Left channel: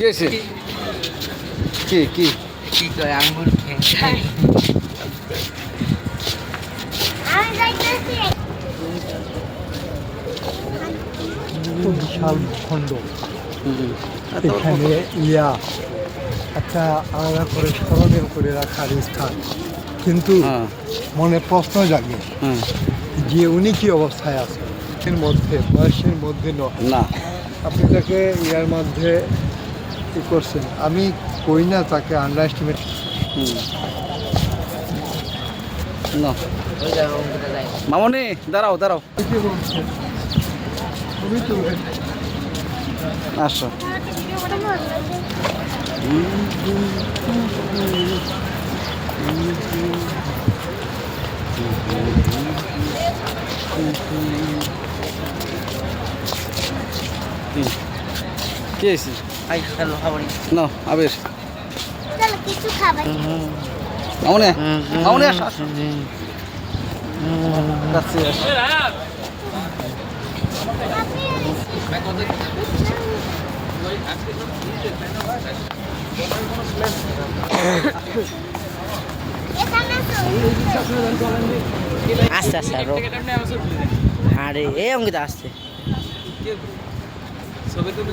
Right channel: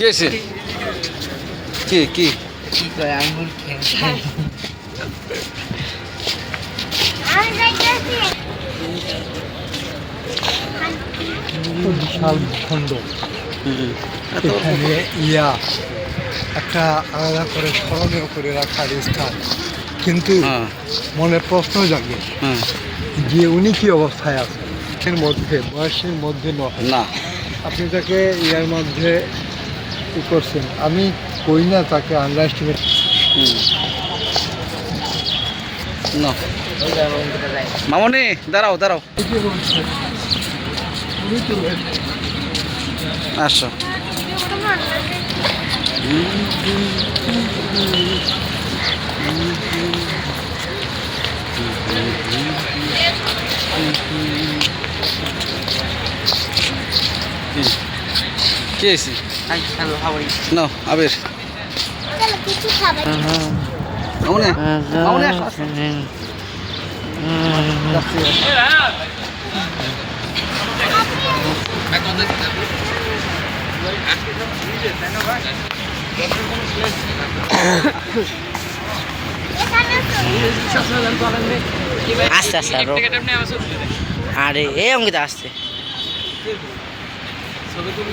কেছে কি কি কি কয় আঙ্গুর খাই বিশাল ভূখণ্ড এখানে একটা আলাদা করে স্মরণীয় করে রাখার স্থান, কিন্তু মনে প্রশ্ন জাগে যে উনি কি অবস্থায় আছেন, এর মধ্যে বয়সের মধ্যে না আপনি তাকে ইয়ার মধ্যে কি করছেন। আমি কই না তাকে আন্ডার এস্টিমেট না। মামনি দাঁড়াও দাঁড়াও আসো। কি হয়েছে? না আবির মামনি মামনি আসো আসো যাচ্ছি আস্তে আস্তে আরে এই অঙ্কিত আসছে ছবি তুলি